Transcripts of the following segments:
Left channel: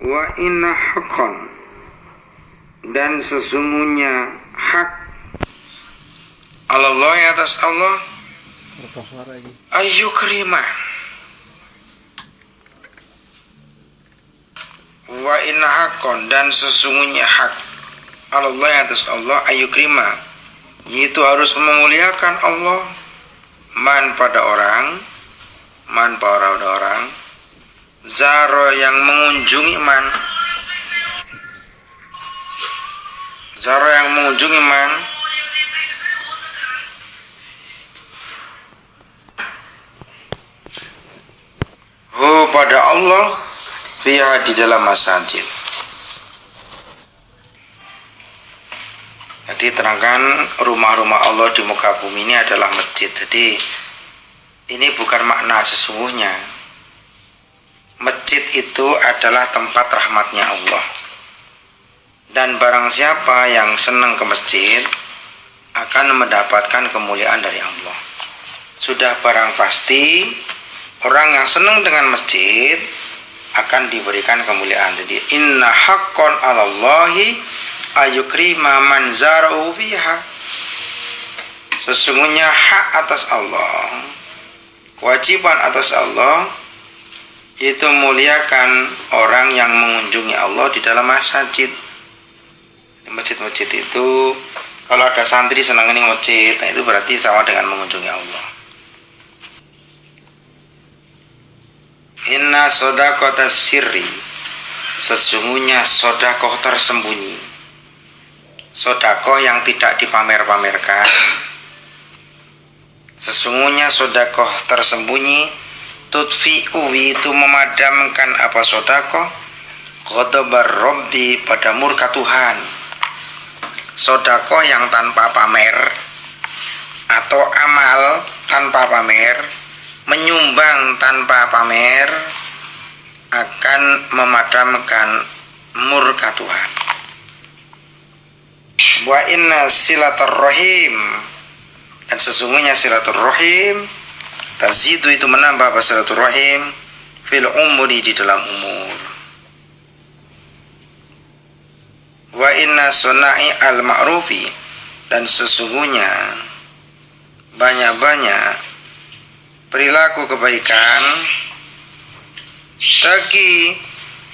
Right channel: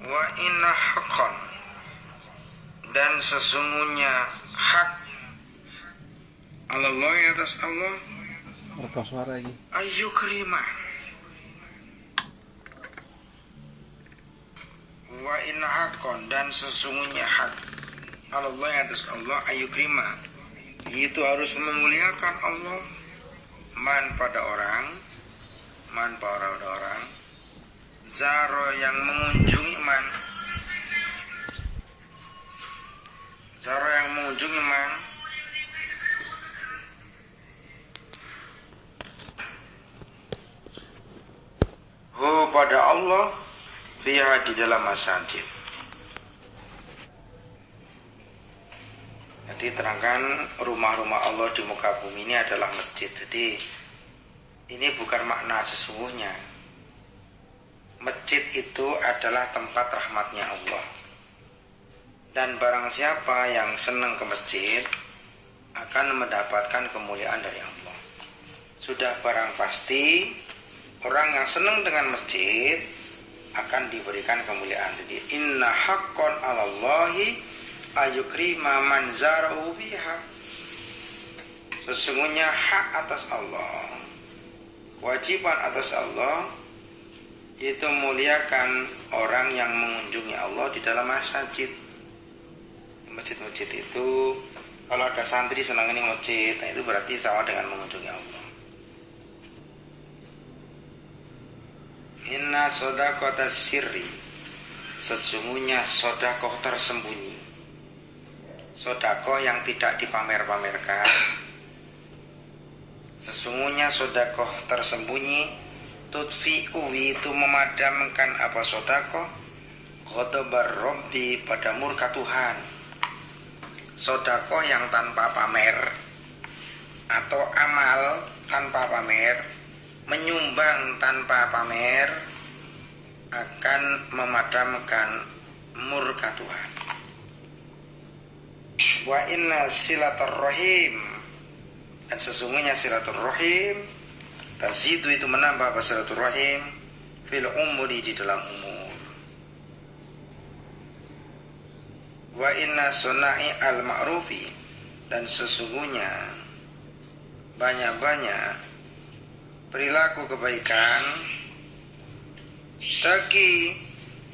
Wa inna haqqan, dan sesungguhnya hak Allah atas Allah ayu kerima. Wa inna haqqan, dan sesungguhnya hak Allah atas Allah ayu kerima, yaitu harus memuliakan Allah man pada orang zaro yang mengunjungi man hu pada Allah fiha di dalam masjid. Jadi terangkan rumah-rumah Allah di muka bumi ini adalah masjid. Jadi ini bukan makna sesungguhnya. Masjid itu adalah tempat rahmatnya Allah. Dan barang siapa yang senang ke masjid akan mendapatkan kemuliaan dari Allah. Sudah barang pasti orang yang senang dengan masjid akan diberikan kemuliaan. Jadi inna haqqan 'alallahi ayukrima man zara'u fiha. Sesungguhnya hak atas Allah, kewajiban atas Allah, itu muliakan orang yang mengunjungi Allah di dalam masjid. Di masjid-masjid itu kalau ada santri senang ini masjid, nah itu berarti sama dengan mengunjungi Allah. Inna sodaqata sirri, sesungguhnya sodakoh tersembunyi, sodakoh yang tidak dipamer-pamerkan. Sesungguhnya sodakoh tersembunyi, tudfi'u, itu memadamkan apa sodakoh, ghadabar robbi, pada murka Tuhan. Sodakoh yang tanpa pamer atau amal tanpa pamer, menyumbang tanpa pamer, akan memadamkan murka Tuhan. Wa inna silaturrahim, dan sesungguhnya silaturrahim tazidu, itu menambah apa silaturrahim, fil umuri, di dalam umur. Wa inna suna'i al ma'rufi, dan sesungguhnya banyak-banyak perilaku kebaikan, taki,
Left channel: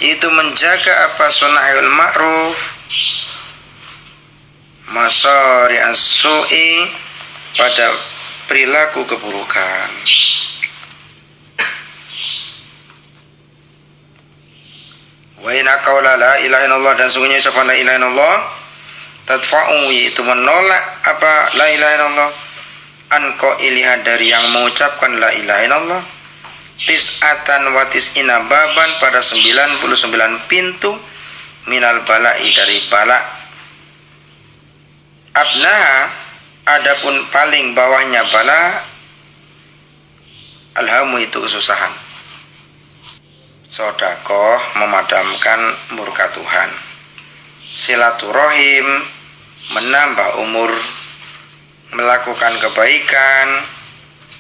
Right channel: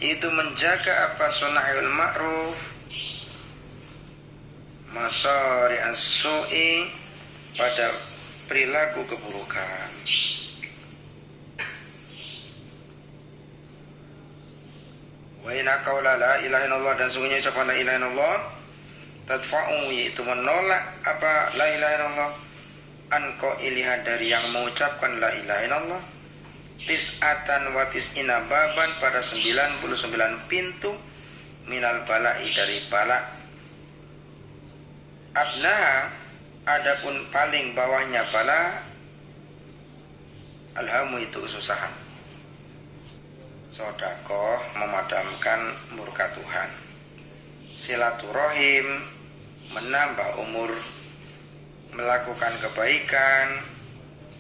itu menjaga apa suna'il ma'ruf, masari as-su'i, pada perilaku keburukan. Wa inna qawla la ilaha illallah, dan sungguhnya ucapan la ilaha illallah tadfa'u, itu menolak apa la ilaha illallah, an qailiha, dari yang mengucapkan la ilaha illallah, tis'atan wa tis'ina baban, pada 99 pintu, minal bala'i, dari bala. Adnaha, adapun paling bawahnya bala, alhamu, itu kesusahan. Sodakoh memadamkan murka Tuhan. Silaturahim menambah umur. Melakukan kebaikan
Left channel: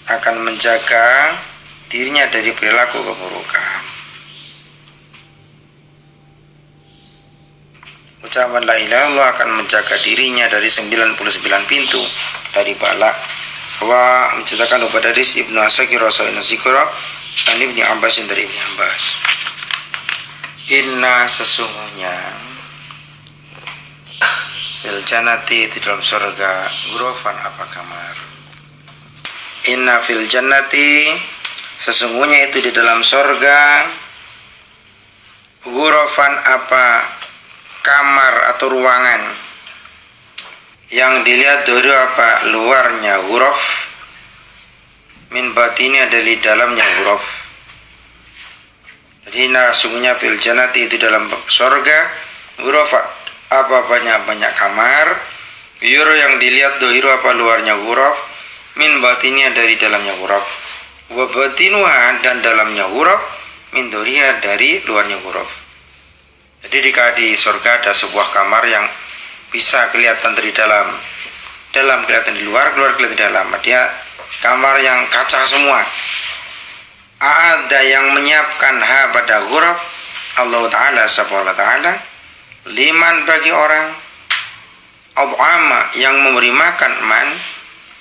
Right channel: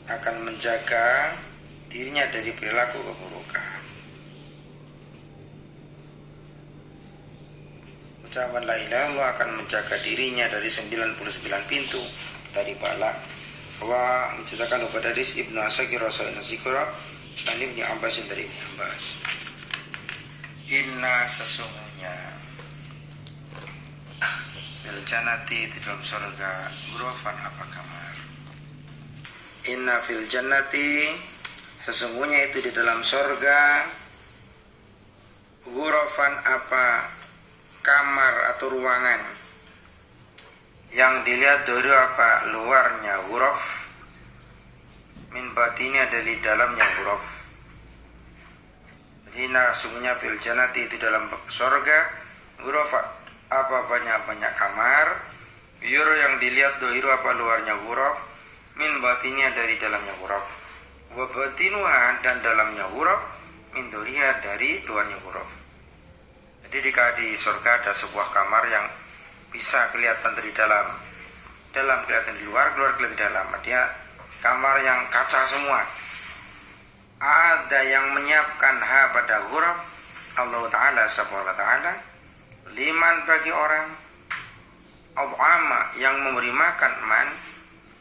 akan menjaga dirinya dari perilaku keburukan. Ucapan la ilaha illallah akan menjaga dirinya dari 99 pintu dari bala. Wa menceritakan kepada Riz Ibnu Asakir Rasulullah Zikra dan Ibnu Abbas, dari Ibnu Abbas. Inna, sesungguhnya, fil jannati, di dalam surga, ghurafan, apa kamar. Inna fil jannati, sesungguhnya itu di dalam surga, ghurafan, apa kamar atau ruangan, yang dilihat dari apa luarnya ghuraf, min batini, dari dalamnya ghuraf. Jadi sesungguhnya fil jannati, itu dalam surga, ghurafat, apa banyak-banyak kamar, yuro, yang dilihat dohiru, apa luarnya ghuraf, min batini, dari dalamnya ghuraf, wa batinuha, dan dalamnya ghuraf, min doriha, dari luarnya ghuraf. Jadi di surga ada sebuah kamar yang bisa kelihatan dari dalam kelihatan di luar, keluar kelihatan di dalam. Dia kamar yang kaca semua. Ada yang menyiapkan ha pada ghuraf, Allah Ta'ala subhanahu wa ta'ala liman bagi orang ad'ama yang memberi makan man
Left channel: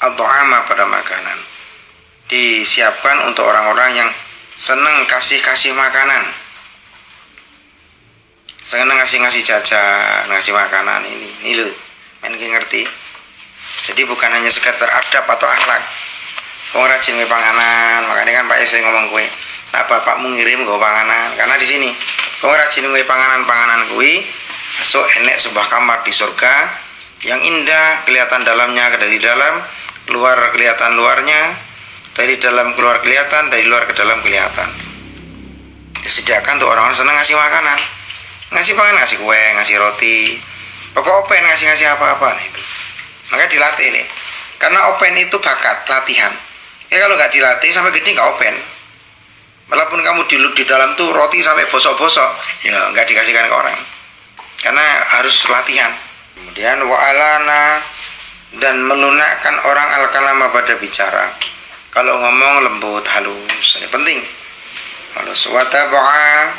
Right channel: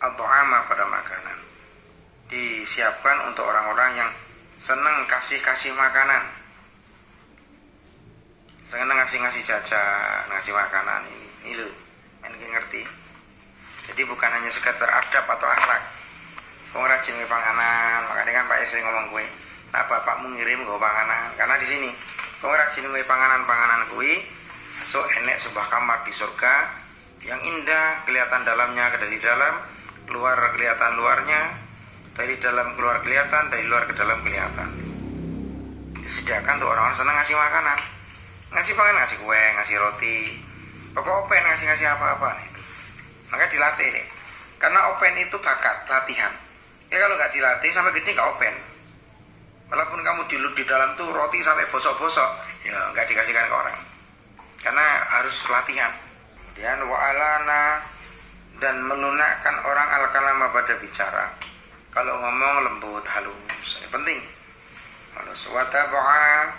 ad'ama pada makanan. Disiapkan untuk orang-orang yang senang kasih makanan, senang ngasih jajan, ngasih makanan. Ini loh, main ngerti. Jadi bukan hanya sekedar adab atau akhlak. Wong rajin nge panganan, makanya kan Pak sering ngomong kue. Nah bapakmu ngirim gue panganan, karena di sini wong rajin nge panganan kue, so enek sebuah kamar di surga yang indah, kelihatan dalamnya dari dalam, luar kelihatan luarnya, dari dalam keluar kelihatan, dari luar ke dalam kelihatan. Disediakan untuk orang-orang senang ngasih makanan, ngasih pangan, ngasih kue, ngasih roti, pokok open ngasih apa-apa. Nah, itu maka dilatih nih, karena open itu bakat latihan. Ya kalau nggak dilatih sampai gede nggak open. Walaupun kamu di dalam tuh roti sampai bosok-bosok, ya nggak dikasihkan ke orang, karena harus latihan. Kemudian wa'alana, dan melunakkan orang al-kalama pada bicara. Kalau ngomong lembut, halus, ini penting. Halus. Wataba'a,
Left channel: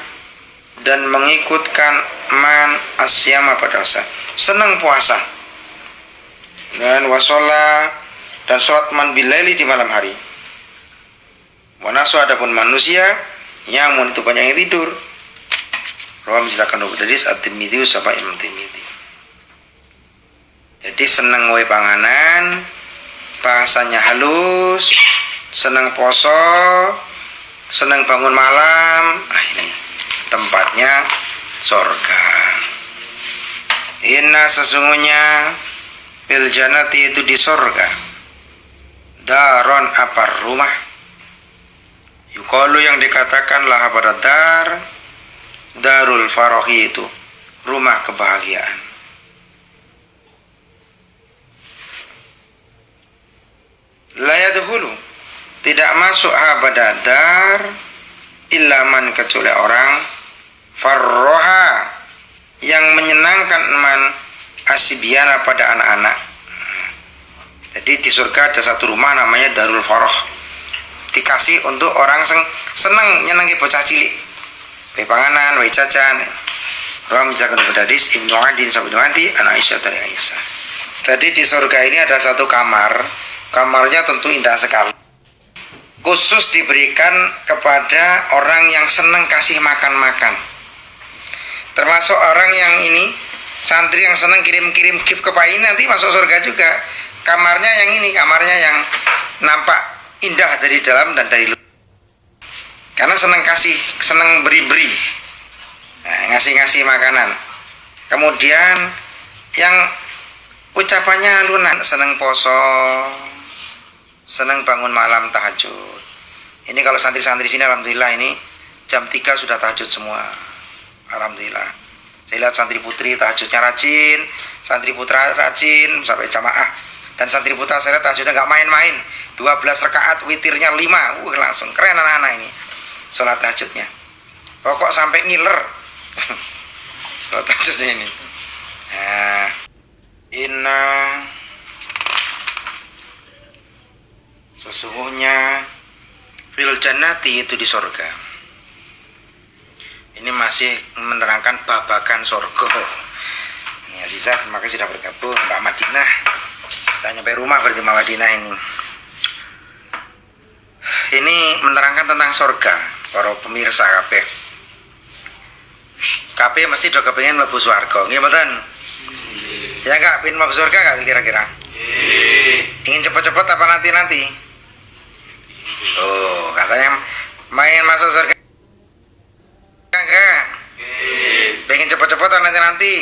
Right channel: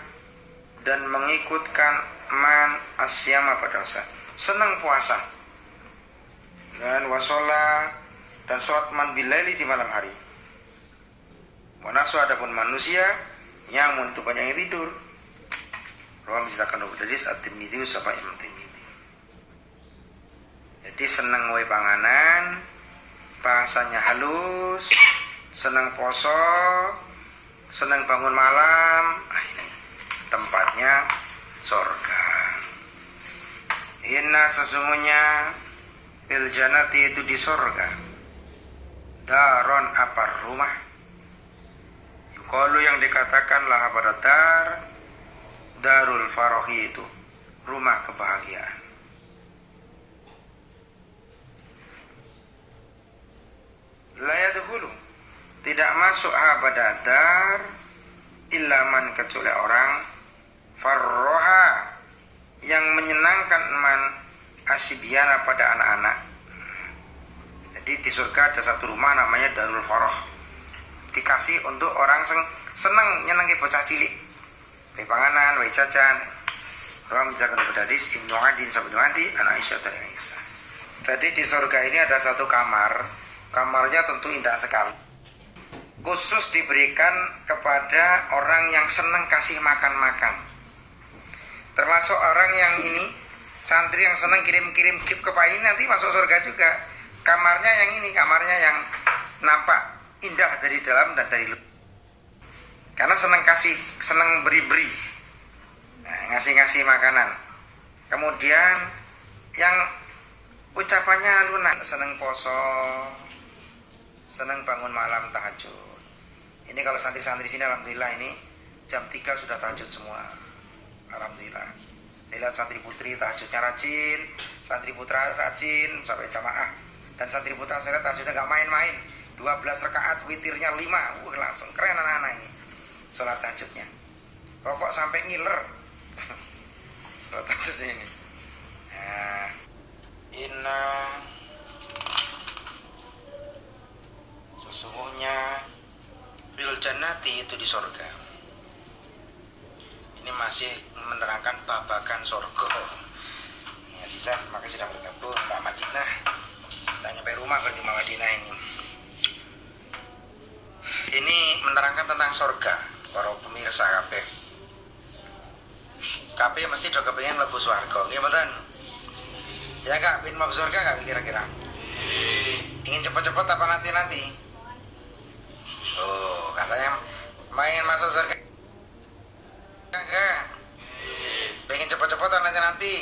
dan mengikutkan man asyama pada puasa, senang puasa. Dan wasola, dan sholat man bilaili di malam hari. Wanasu, adapun manusia yang itu banyak yang tidur. Rawi menceritakan dari At-Tirmidzi sampai Imam Tirmidzi. Jadi senang wae panganan, bahasanya halus, senang poso, senang bangun malam. Ini tempatnya surga. Inna, sesungguhnya bil jannati, itu di surga, daron, apa rumah, yuqalu, yang dikatakan lah pada darul farohi, itu rumah kebahagiaan. La yadkhulu, tidak masuk pada dar illa man, kecuali orang farroha, yang menyenangkan man asibiana, pada anak-anak. Jadi di surga ada satu rumah namanya Darul Faroh, dikasih untuk orang senang nyenengi bocah cilik, wae panganan, wae jajan. Rawi menceritakan kepada hadis Ibnu Adin sampai Ibnu Adi, anak Aisyah dari Aisyah. Jadi di surga ini ada satu kamar, kamarnya tentu indah sekali, khusus diberikan kepada orang yang senang kasih makan. Termasuk orang yang ini, santri yang senang kirim-kirim gift ke Pak ini, nanti masuk surga juga. Kamarnya yang ini, kamarnya yang nampak indah dari dalam dan dari luar. Karena senang kasih, senang beri-beri, ngasih makanan. Kemudian yang ucapannya lunak, senang poso, senang bangun malam tahajud. Ini kalau santri-santri sini alhamdulillah ini jam 3 sudah tahajud semua. Alhamdulillah. Saya lihat santri putri tahajudnya rajin, santri putra rajin sampai jamaah. Dan santri putra saya lihat tahajudnya nggak main-main. 12 rakaat, witirnya 5. Langsung keren anak-anak ini sholat tahajudnya. Pokok sampai ngiler sholat tahajudnya ini. Nah, inna, sesungguhnya fil jannati, itu di surga. Ini masih menerangkan babakan surga. Ini Azizah, terima kasih sudah bergabung. Mbak Madinah, sudah nyampe rumah berarti Mbak Madinah ini. Ini menerangkan tentang surga. Para pemirsa kabeh, mesti do kepengin mlebu swarga. Nggih mboten? Ya enggak, pengen mlebu surga enggak kira-kira? Ingin cepat-cepat apa nanti-nanti? Oh, katanya main masuk surga enggak? Pengen cepat-cepat atau nanti-nanti?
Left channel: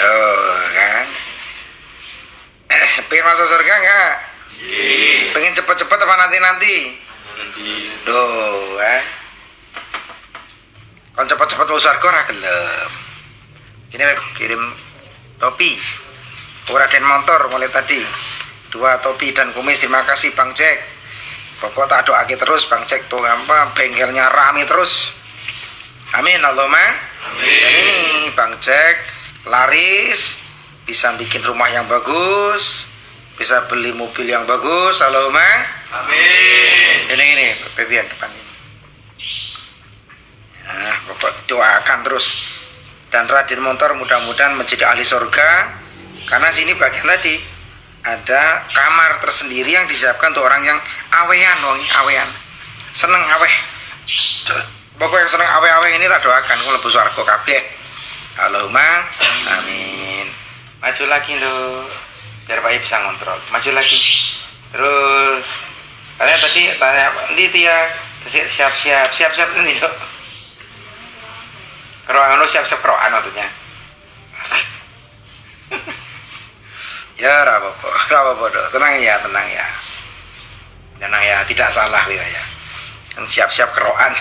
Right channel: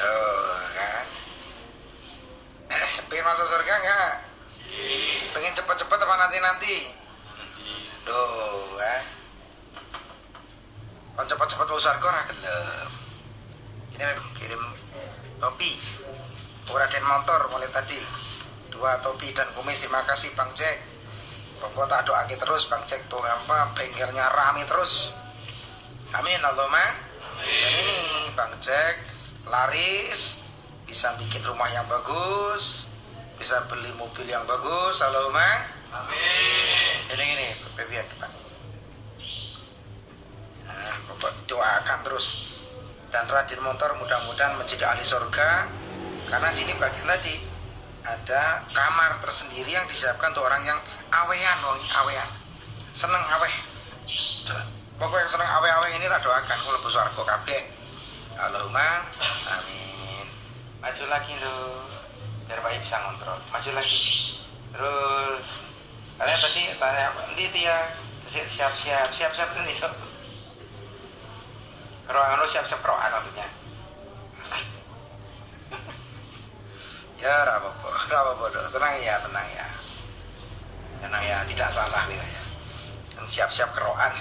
Oh, kan? Pengen masuk surga enggak? Pengen cepat-cepat apa nanti-nanti? Duh, kon cepat-cepat masuk surga ora gelem. Ini kirim topi, Raden motor mulai tadi 2 topi dan kumis. Terima kasih Bang Jack. Pokok tak doake terus Bang Jack tuh apa bengkelnya rame terus. Amin Allahumma amin. Dan ini Bang Jack laris, bisa bikin rumah yang bagus, bisa beli mobil yang bagus. Allahumma amin. Ini Febian depan ini. Nah, pokok doakan terus. Dan Raden Montor mudah-mudahan menjadi ahli surga, karena sini bagian tadi ada kamar tersendiri yang disiapkan untuk orang yang awean, awean seneng aweh. Pokoknya yang seneng aweh-aweh ini tak doakan kalau lebu swarga kabeh. Allahumma amin. Maju lagi lo, biar Pak bisa ngontrol. Maju lagi. Terus kalian tadi tanya nanti ya siap-siap nanti dok. Keroan lo siap-siap keroan maksudnya. Ya rapopo dok, tenang ya, tidak salah ya. Kan siap-siap keroan.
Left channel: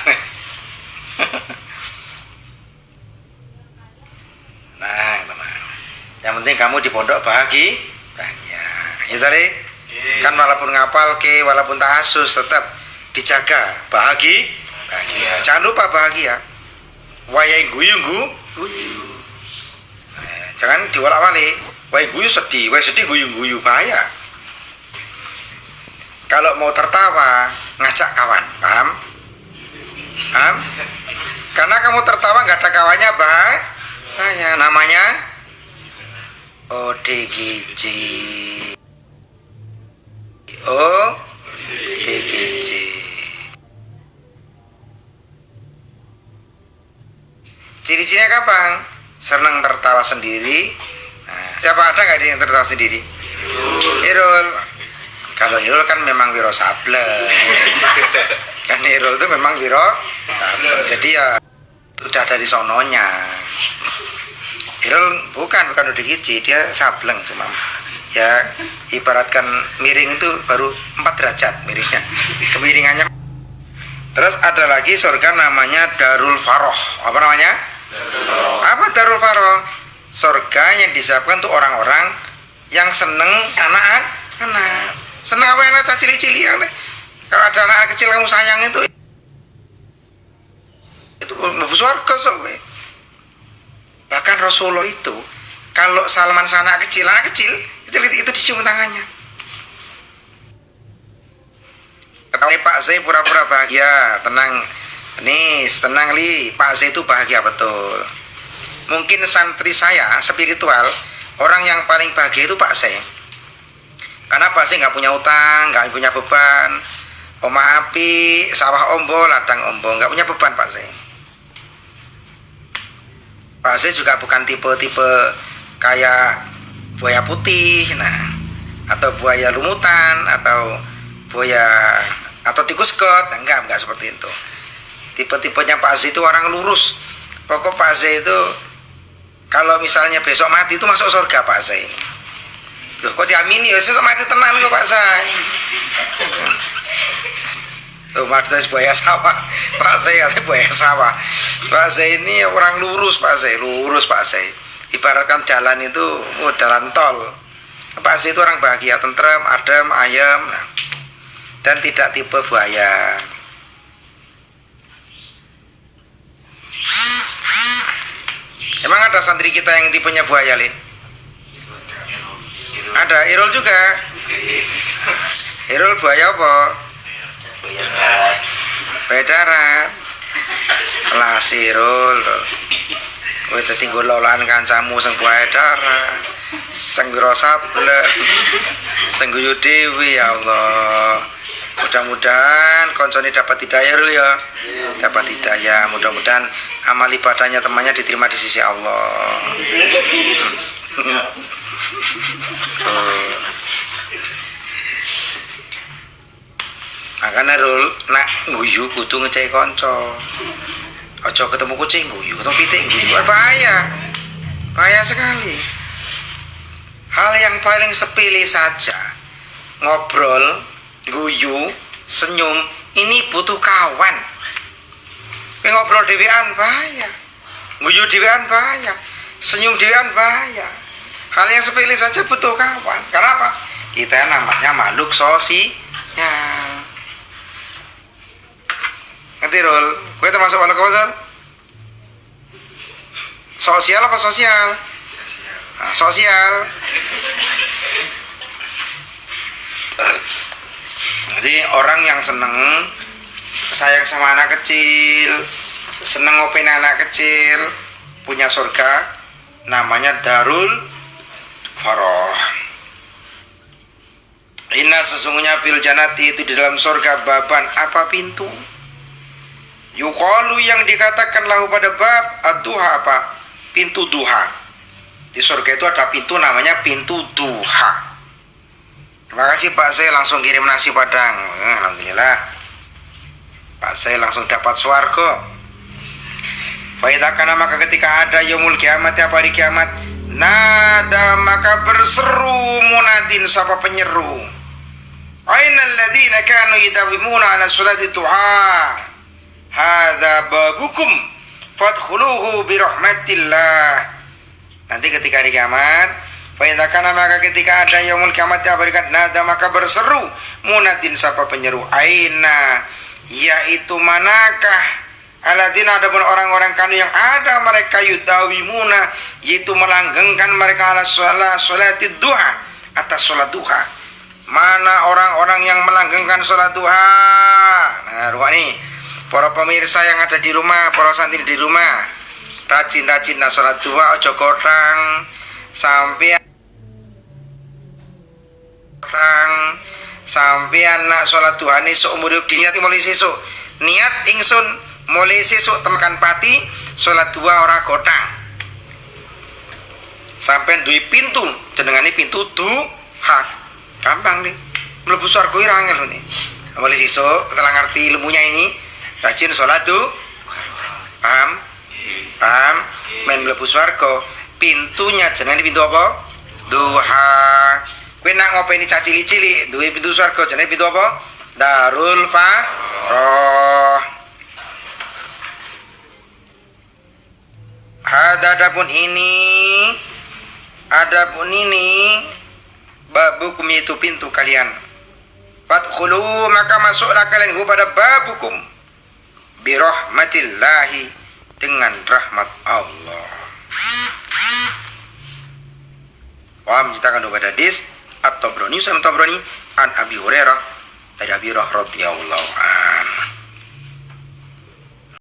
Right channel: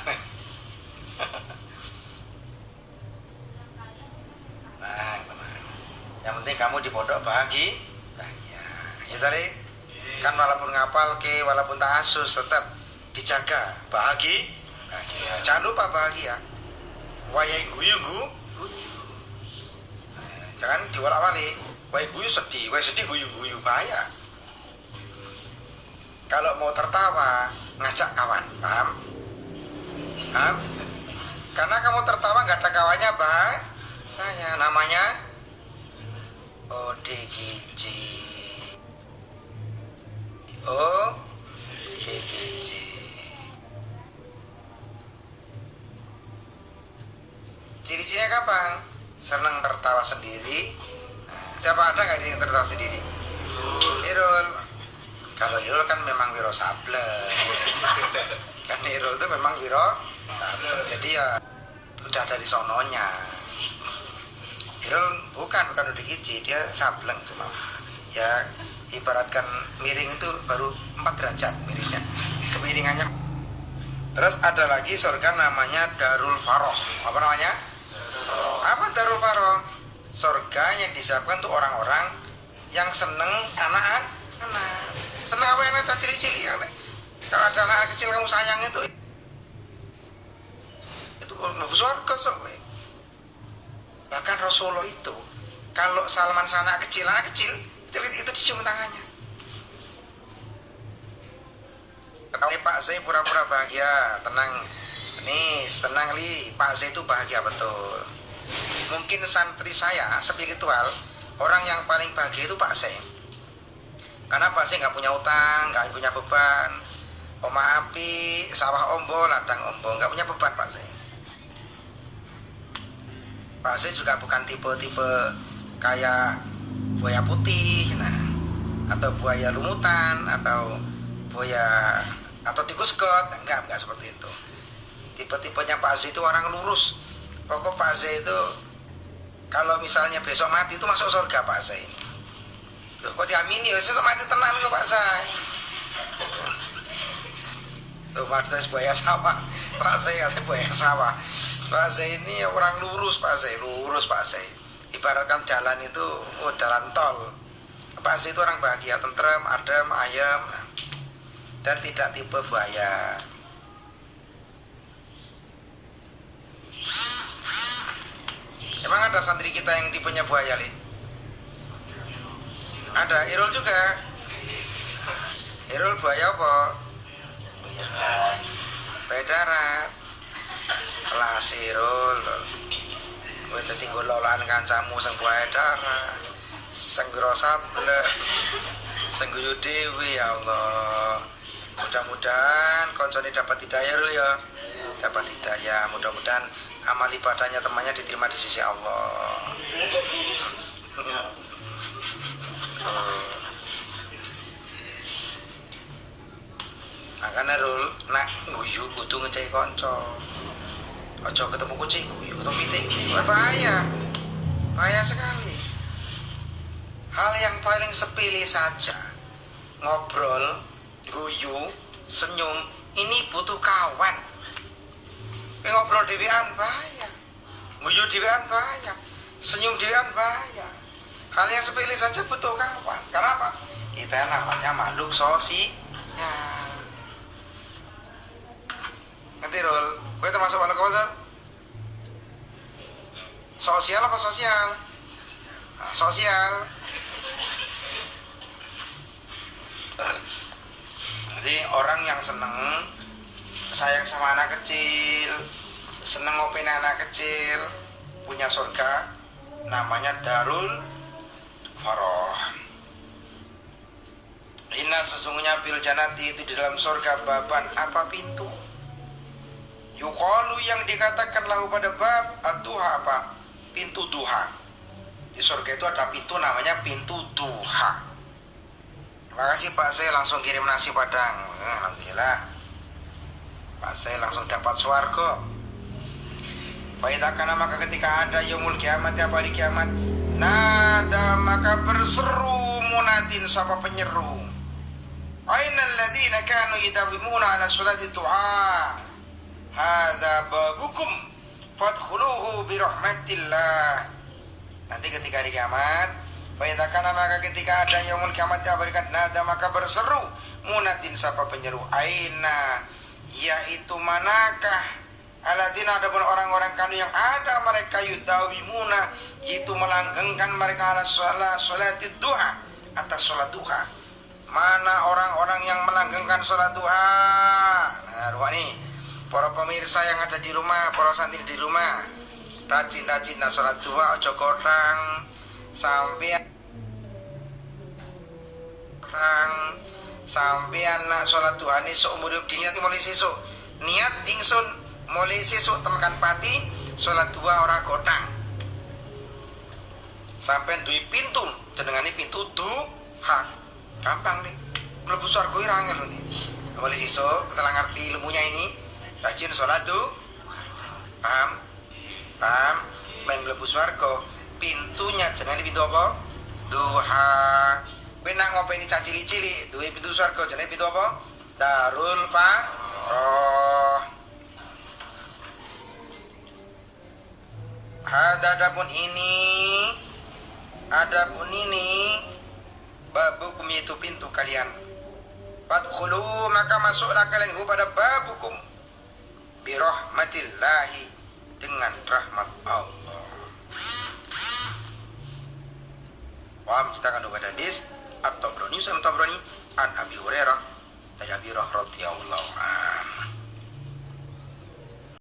Nah, tenang. Yang penting kamu di pondok bahagia. Ya tadi kan walaupun ngapal ke, walaupun tahasus tetap dijaga bahagia. Jangan lupa bahagia. Wayai guyu. Jangan diwalak-walik. Wayai guyu sedih, wayai sedih guyu bahaya. Kalau mau tertawa ngajak kawan, paham? Karena kamu tertawa nggak ada kawannya bahaya. Namanya ODGJ. ODGJ. Ciri-cirinya kapan? Senang tertawa sendiri. Nah, siapa ada nggak yang tertawa sendiri? Irul. Kalau Irul kan memang wiro sable. Kan Irul itu memang wiro sable. Jadi ya udah dari sononya. Irul bukan udah gizi, dia sableng cuma. Ya ibaratkan miring itu baru 4 derajat miringnya. Kemiringannya. Terus ada lagi surga namanya Darul Faroh. Apa namanya? Apa Darul Faroh? Surga yang disiapkan untuk orang-orang yang seneng anak. Seneng apa anak cili-cili. Kalau ada anak kecil kamu sayang itu surga soalnya. Bahkan Rasulullah itu kalau Salman anak kecil itu dicium tangannya. Ketahui Pak Z pura-pura bahagia, tenang li, Pak Z itu bahagia betul. Mungkin santri saya spiritual, orang yang paling bahagia itu Pak Z. Karena Pak Z nggak punya utang, nggak punya beban. Oma api, sawah ombo, ladang ombo, nggak punya beban Pak Z. Pak Z juga bukan tipe-tipe kayak buaya putih, atau buaya lumutan, atau buaya atau tikus got, enggak seperti itu. Tipe-tipenya Pak Z itu orang lurus. Pokok Pak Z itu kalau misalnya besok mati itu masuk surga Pak Z ini. Loh kok diamini ya besok mati tenang kok Pak Z. Tuh maksudnya buaya sawah. Pak Z katanya buaya sawah. Pak Z ini orang lurus Pak Z. Ibaratkan jalan itu jalan tol. Pak Z itu orang bahagia, tentrem, adem, ayem, dan tidak tipe buaya. Emang ada santri kita yang tipenya buaya, Li? Ada, Irul juga. Irul buaya apa? Buaya darat. Lah Irul. Kowe dadi ngololan kancamu sing buaya darat. Sing wira sable. Sing guyu dewi ya Allah. Mudah-mudahan koncone dapat hidayah dulu ya. Dapat hidayah, mudah-mudahan amal ibadahnya temannya diterima di sisi Allah. Makanya Rul, nak guyu kudu ngecek konco. Ojo ketemu kucing guyu, ketemu pitik guyu, bahaya sekali. Hal yang paling sepele saja, ngobrol, guyu, senyum, ini butuh kawan. Ngobrol dewean bahaya, guyu dewean bahaya, senyum dewean bahaya. Hal yang sepele saja butuh kawan. Karena apa? Kita namanya makhluk sosial. Ngerti Rul? Gue termasuk makhluk apa Sor? Sosial apa sosial? Nah, sosial. Jadi orang yang seneng sayang sama anak kecil, seneng ngopain anak kecil, punya surga, namanya Darul Faroh. Inna sesungguhnya fil janati itu di dalam surga baban apa pintu? Yuqalu yang dikatakan lahu pada bab ad-duha apa? Pintu duha. Di surga itu ada pintu namanya pintu duha. Terima kasih Pak, saya langsung kirim nasi padang. Alhamdulillah. Pak, saya langsung dapat swarga. Faidakana maka ketika ada yaumul kiamat, apa hari kiamat, nada maka berseru munadin sapa penyeru. Ainal ladzina kanu yadawimuna ala sholati duha. Hadza babukum fadkhuluhu bi rahmatillah. Nanti ketika hari kiamat, faidakana maka ketika ada yaumul kiamat berikan nada maka berseru munadin sapa penyeru. Aina yaitu manakah alladzina adapun orang-orang kanu yang ada mereka yudawimuna yaitu melanggengkan mereka ala sholati duha atas sholat duha. Mana orang-orang yang melanggengkan sholat duha? Nah, nih para pemirsa yang ada di rumah, para santri di rumah, rajin-rajin nah sholat duha, ojo kodang sampean nak sholat duha ini seumur hidup diniati mulai sesuk. Niat ingsun mulai sesuk temekan pati sholat duha ora kodang. Sampean duwe pintu, jenengane pintu duha. Gampang nih, mlebu swarga ora angel nih. Mulai sesuk setelah ngerti ilmunya ini, rajin sholat duha. Paham? Men mlebu swarga, pintunya jenenge pintu apa? Duha. Kowe nak ngopeni cah cilik-cilik, duwe pintu swarga jenenge pintu apa? Darul Faroh. Adapun ini babukum itu pintu kalian. Fadkhulu maka masuklah kalian kepada babukum bi rahmatillahi dengan rahmat Allah. Wa menceritakan kepada hadis At-Tabrani an Abi Hurairah dari Abi Hurairah radhiyallahu anhu.